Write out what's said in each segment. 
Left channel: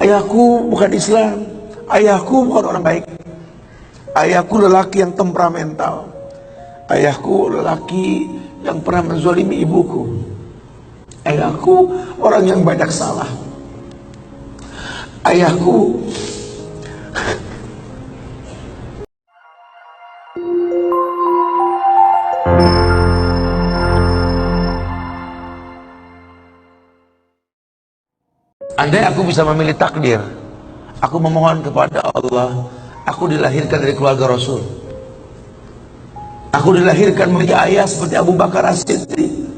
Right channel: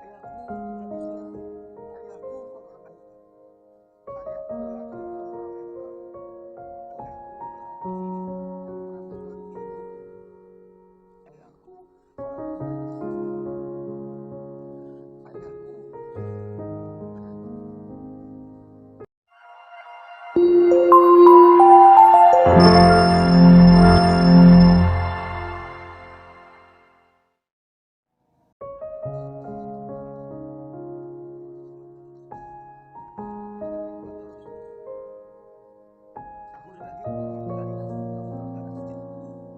Ayahku bukan Islam, ayahku bukan orang baik. Ayahku lelaki yang temperamental. Ayahku lelaki yang pernah menzalimi ibuku. Ayahku orang yang banyak salah. Ayahku andai aku bisa memilih takdir, aku memohon kepada Allah, aku dilahirkan dari keluarga Rasul. Aku dilahirkan memiliki ayah seperti Abu Bakar As-Siddiq.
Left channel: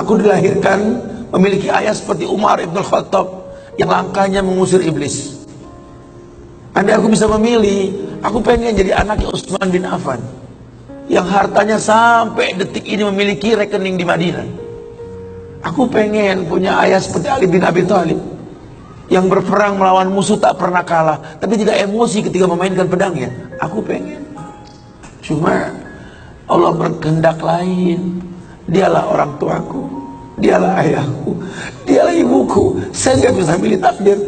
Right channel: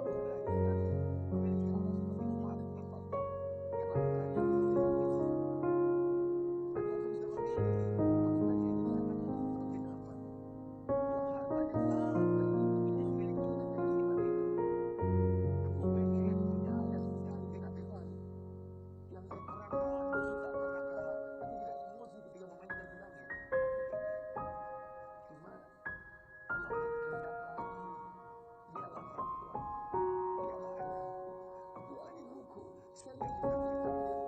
Aku dilahirkan memiliki ayah seperti Umar Ibn Khattab yang langkahnya mengusir iblis. Andai aku bisa memilih, aku pengen jadi anaknya Utsman bin Affan yang hartanya sampai detik ini memiliki rekening di Madinah. Aku pengen punya ayah seperti Ali bin Abi Thalib yang berperang melawan musuh tak pernah kalah, tapi tidak emosi ketika memainkan pedangnya. Aku pengen. Cuma Allah berkehendak lain. Dialah orang tuaku, dialah ayahku, dialah ibuku. Saya nggak bisa milih takdir.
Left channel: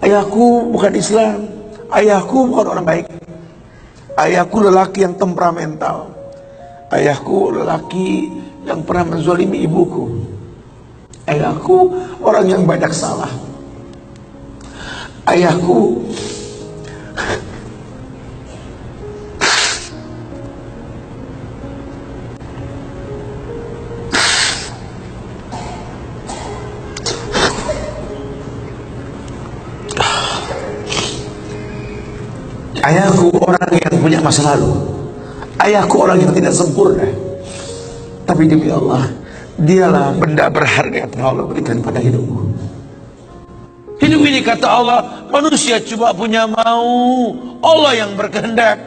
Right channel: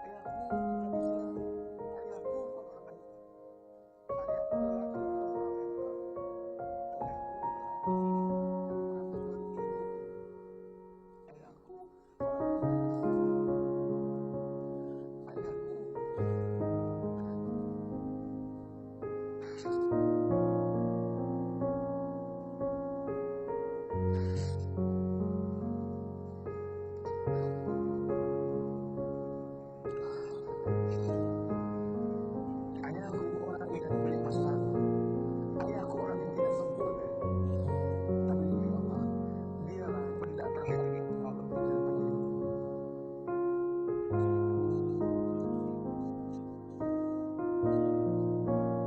Ayahku bukan Islam, ayahku bukan orang baik. Ayahku lelaki yang temperamental. Ayahku lelaki yang pernah menzalimi ibuku. Ayahku orang yang banyak salah. Ayahku Ayahku orang yang punya masa lalu. Ayahku orang yang tidak sempurna. Tapi demi Allah, dialah benda berharga yang telah Allah berikan pada hidupku. Hidup ini kata Allah, manusia cuma punya mau, Allah yang berkehendak.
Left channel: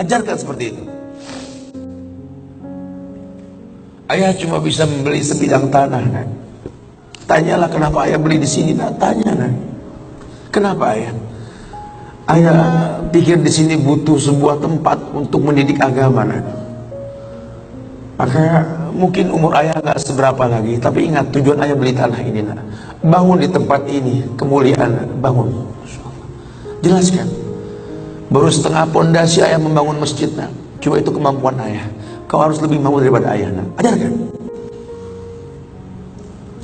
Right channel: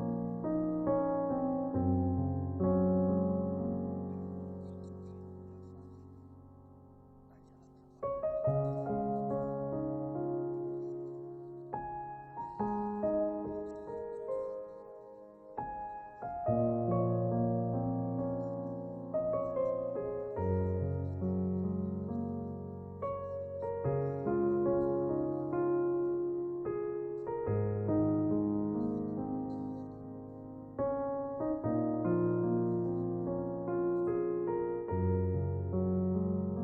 Ajarkan seperti itu. Ayah cuma bisa membeli sebidang tanah, kan? Tanyalah kenapa ayah beli di sini, nah, tanya, kan? Kenapa ayah? Ayah pikir di sini butuh sebuah tempat untuk mendidik agama, nah. Maka mungkin umur ayah nggak seberapa lagi, tapi ingat tujuan ayah beli tanah ini, nah. Bangun di tempat ini, kemuliaan, bangun. Jelaskan. Baru setengah pondasi ayah membangun masjid, nah. Cuma itu kemampuan ayah. Kau harus lebih mampu daripada ayah, nah. Ajarkan.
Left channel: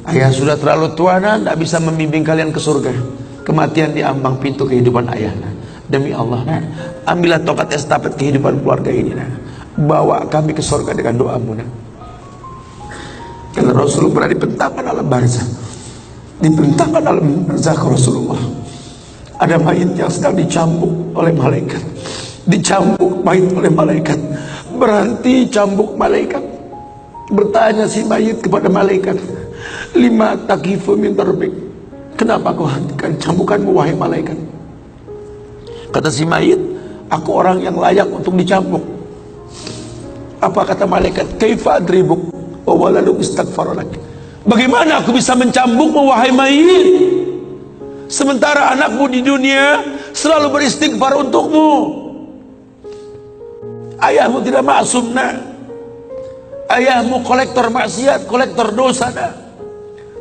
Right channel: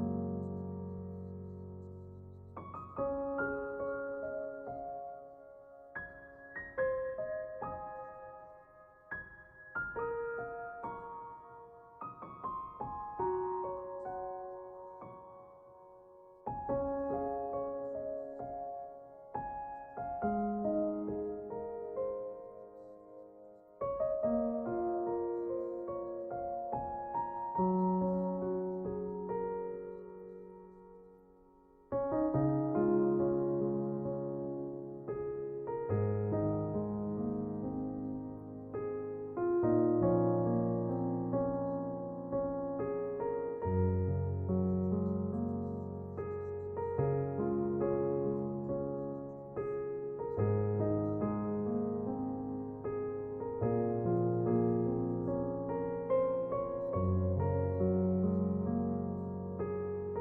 Ayah sudah terlalu tua, nah, tidak bisa membimbing kalian ke surga. Kematian di ambang pintu kehidupan ayah, nah. Demi Allah, nah, ambillah tongkat estafet kehidupan keluarga ini, nah. Bawa kami ke surga dengan doamu, nah. Karena Rasul pernah dibentangkan alam barzah. Dibentangkan alam barzah ke Rasulullah. Ada mayit yang sedang dicambuk oleh malaikat. Dicambuk mayit oleh malaikat. Berhenti cambuk malaikat. Bertanya si mayit kepada malaikat, lima takifu min darbik. Kenapa kau hentikan cambukanmu wahai malaikat? Kata si mayit, aku orang yang layak untuk dicambuk. Apa kata malaikat? Kaifa adribuk wa waladuk istaghfar lak. Bagaimana aku bisa mencambukmu wahai mayit, sementara anakmu di dunia selalu beristighfar untukmu? Ayahmu tidak maksum, nak. Ayahmu kolektor maksiat, kolektor dosa, nak.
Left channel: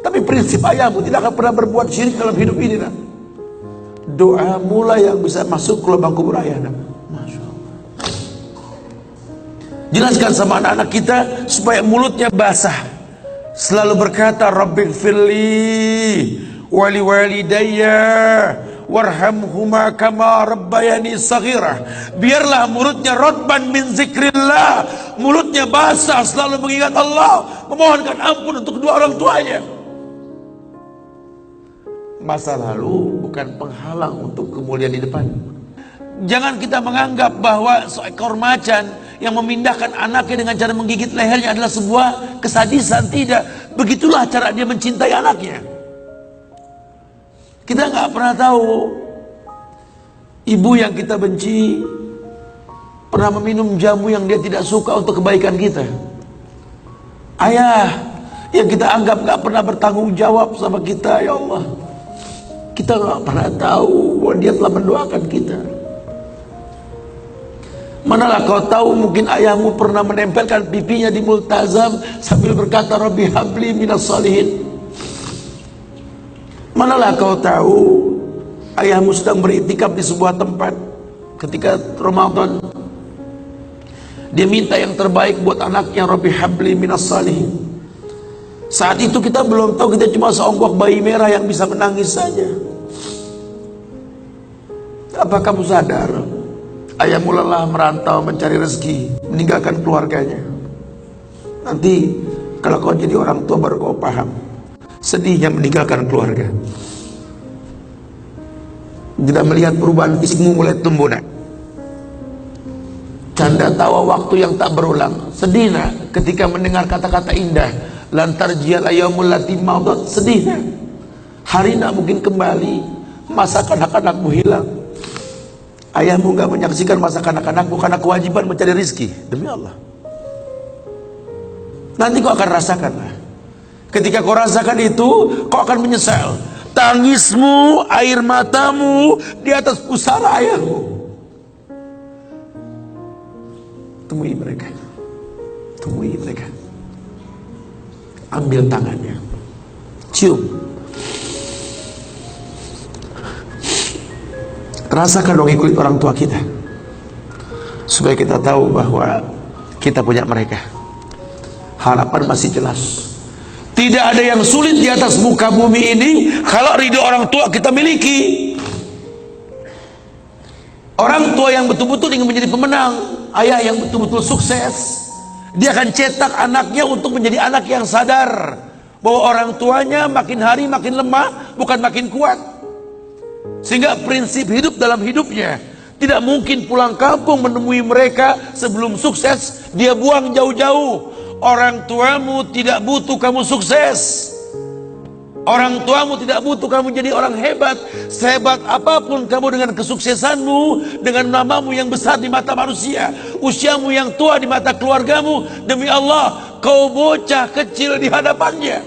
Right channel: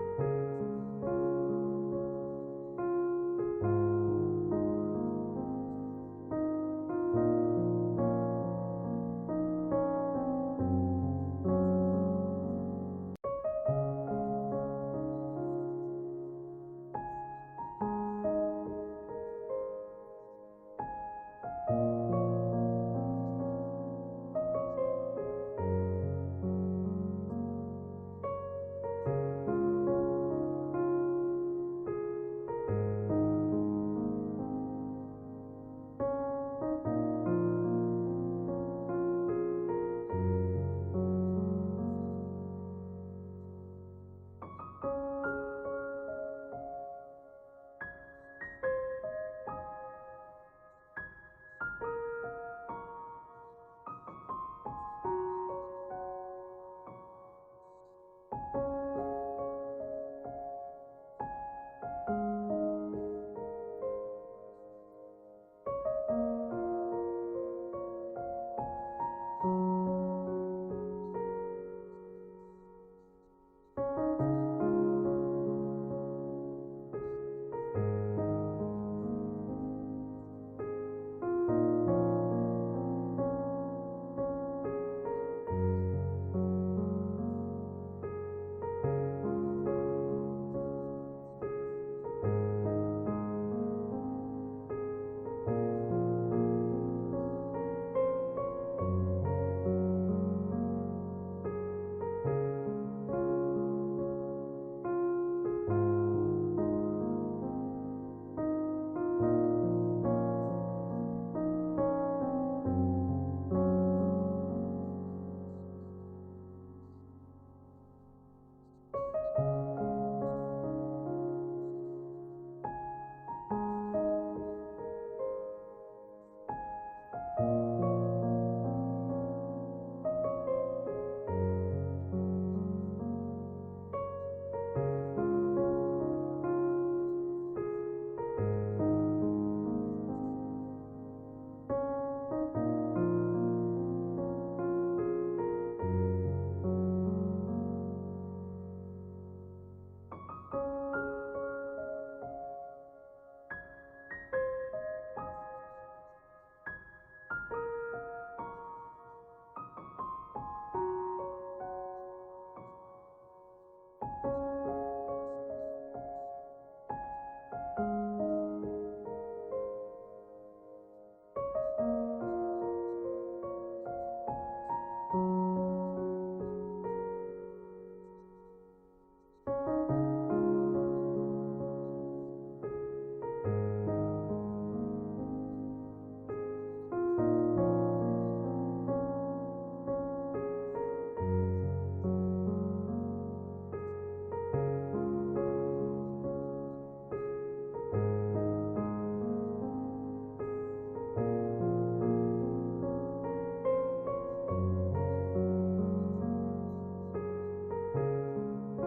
Tapi prinsip ayahmu tidak akan pernah berbuat syirik dalam hidup ini, nak. Doa mulai yang bisa masuk ke lubang kubur ayah, nak. Masya Allah. Jelaskan sama anak-anak kita supaya mulutnya basah. Selalu berkata, Rabbighfirli wali walidayya warhamhuma kama rabbayani saghirah. Biarlah mulutnya radban min zikrillah, mulutnya basah selalu mengingat Allah, memohonkan ampun untuk kedua orang tuanya. Masa lalu bukan penghalang untuk kemuliaan di depan. Jangan kita menganggap bahwa seekor macan yang memindahkan anaknya dengan cara menggigit lehernya adalah sebuah kesadisan. Tidak. Begitulah cara dia mencintai anaknya. Kita nggak pernah tahu ibu yang kita benci pernah meminum jamu yang dia tidak suka untuk kebaikan kita. Ayah yang kita anggap nggak pernah bertanggung jawab sama kita, ya Allah. Kita nggak pernah tahu bahwa dia telah mendoakan kita. Manalah kau tahu mungkin ayahmu pernah menempelkan pipinya di multazam sambil berkata, Rabbi habli minas salihin. Manalah kau tahu ayahmu sedang beriktikaf di sebuah tempat ketika Ramadan. Dia minta yang terbaik buat anaknya, Rabbi habli minas salihin. Saat itu kita belum tahu, kita cuma seonggok bayi merah yang bisa menangis saja. Apa kamu sadar ayahmu lelah merantau mencari rezeki, meninggalkan keluarganya? Nanti kalau kau jadi orang tua baru kau paham sedihnya meninggalkan keluarga. Tidak melihat perubahan fisikmu mulai tumbuh, nak. Canda tawa waktu yang tak berulang. Sedih, nak, ketika mendengar kata-kata indah, lantar jial ayamul lati maudat. Sedih, nak. Hari nak mungkin kembali, masa kanak-kanakmu hilang. Ayahmu gak menyaksikan masa kanak-kanakmu karena kewajiban mencari rizki. Demi Allah, nanti kau akan rasakan. Ketika kau rasakan itu, kau akan menyesal. Tangismu, air matamu di atas pusara ayahmu. Temui mereka, temui mereka, ambil tangannya, cium, rasakan dong ikut orang tua kita, supaya kita tahu bahwa kita punya mereka. Harapan masih jelas. Tidak ada yang sulit di atas muka bumi ini kalau ridho orang tua kita miliki. Orang tua yang betul-betul ingin menjadi pemenang, ayah yang betul-betul sukses, dia akan cetak anaknya untuk menjadi anak yang sadar bahwa orang tuanya makin hari makin lemah, bukan makin kuat. Sehingga prinsip hidup dalam hidupnya, tidak mungkin pulang kampung menemui mereka sebelum sukses, dia buang jauh-jauh. Orang tuamu tidak butuh kamu sukses. Orang tuamu tidak butuh kamu jadi orang hebat. Sehebat apapun kamu dengan kesuksesanmu, dengan namamu yang besar di mata manusia, usiamu yang tua di mata keluargamu, demi Allah, kau bocah kecil di hadapannya.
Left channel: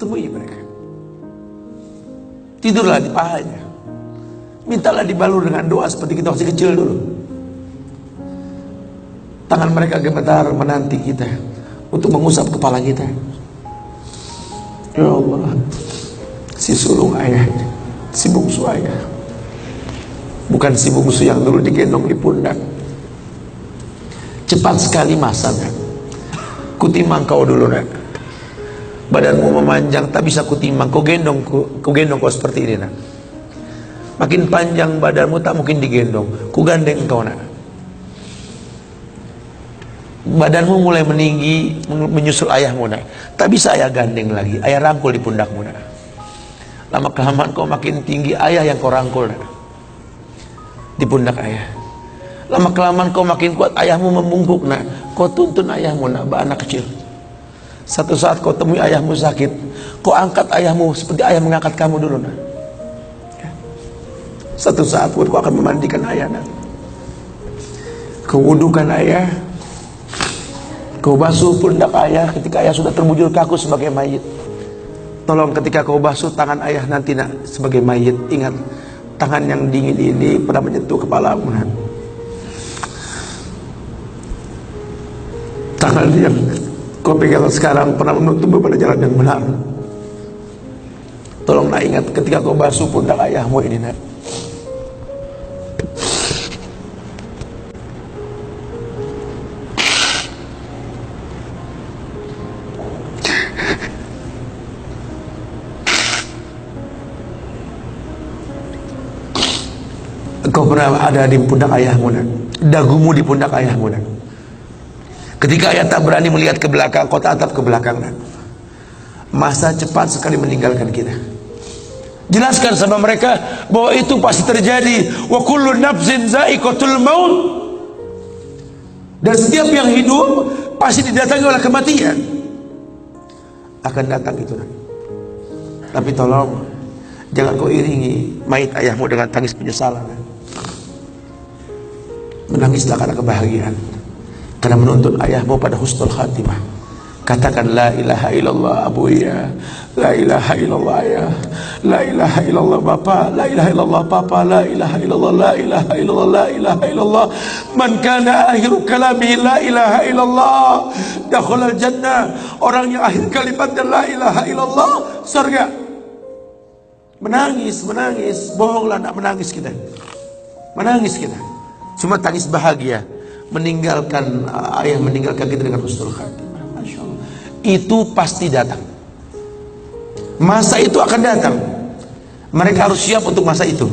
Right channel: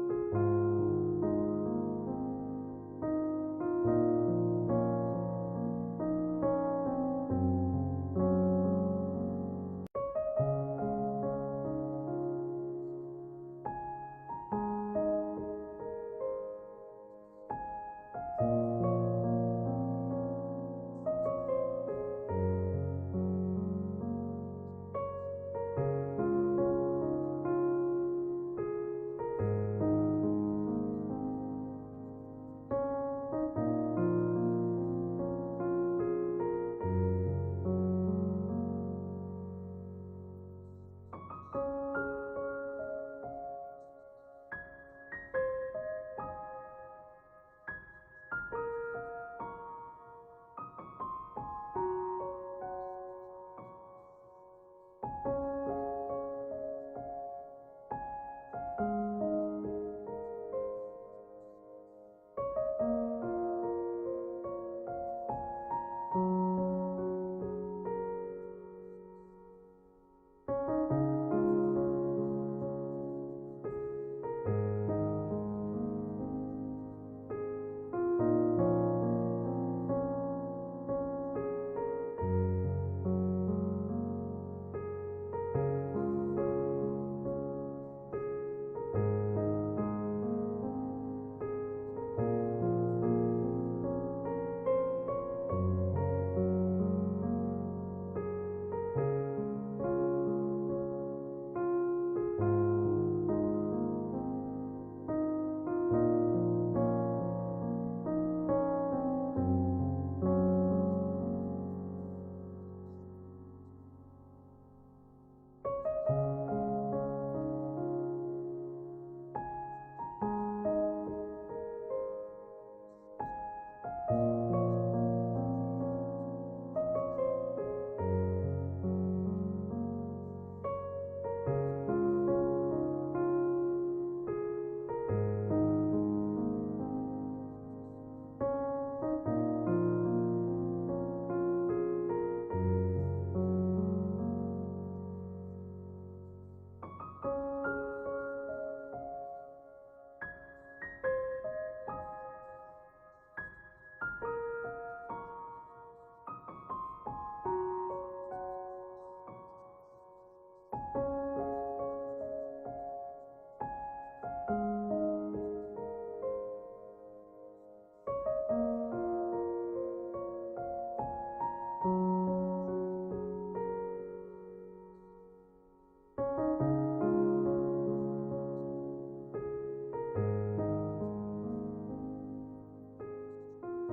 Temui mereka. Tidurlah di pahanya. Mintalah dibalur dengan doa seperti kita masih kecil dulu. Tangan mereka gemetar menanti kita untuk mengusap kepala kita. Ya Allah, si sulung ayah, si bungsu ayah, bukan si bungsu yang dulu digendong di pundak. Cepat sekali masa, nak. Kutimang kau dulu, nak. Badanmu memanjang, tak bisa kutimang. Kau gendong kau seperti ini, nak. Makin panjang badanmu tak mungkin digendong. Ku gandeng kau, nak. Badanmu mulai meninggi, menyusul ayahmu, nak. Tak bisa ayah gandeng lagi, ayah rangkul di pundakmu, nak. Lama kelamaan kau makin tinggi, ayah yang kau rangkul, nak, di pundak ayah. Lama kelamaan kau makin kuat, ayahmu membungkuk, nak. Kau tuntun ayahmu, nak, anak kecil. Satu saat kau temui ayahmu sakit, kau angkat ayahmu seperti ayah mengangkat kamu dulu, nak. Satu saat kau akan memandikan ayah, nak. Kau wudukan ayah. Kau basuh pundak ayah ketika ayah sudah terbujur kaku sebagai mayit. Tolong ketika kau basuh tangan ayah nanti, nak, sebagai mayit, ingat tangan yang dingin ini pernah menyentuh kepalamu, nak. Tangan yang kau pegang sekarang pernah menuntunmu pada jalan yang benar. Tolong, nak, ingat ketika kau basuh pundak ayahmu ini, nak. Kau pernah ada di pundak ayahmu, nak. Dagumu di pundak ayahmu, nak. Ketika ayah tak berani melihat ke belakang, kau tatap ke belakang, nak. Masa cepat sekali meninggalkan kita. Jelaskan sama mereka bahwa itu pasti terjadi. Wa kullu nafsin za'iqatul maut. Dan setiap yang hidup pasti didatangi oleh kematian. Akan datang itu, nak. Tapi tolong jangan kau iringi mayit ayahmu dengan tangis penyesalan, nak. Menangislah karena kebahagiaan, karena menuntun ayahmu pada husnul khatimah. Katakan la ilaha illallah Abu ya, la ilaha illallah ya, la ilaha illallah Bapak, la ilaha illallah Papa, la ilaha illallah, la ilaha illallah, la ilaha illallah. Man kana akhiru kalamihi la ilaha illallah dakhalal jannah. Orang yang akhir kalimatnya la ilaha illallah, surga. Menangis, bohonglah nak menangis kita. Menangis kita. Cuma tangis bahagia meninggalkan ayah, meninggalkan kita dengan husnul khatimah. Itu pasti datang. Masa itu akan datang. Mereka harus siap untuk masa itu.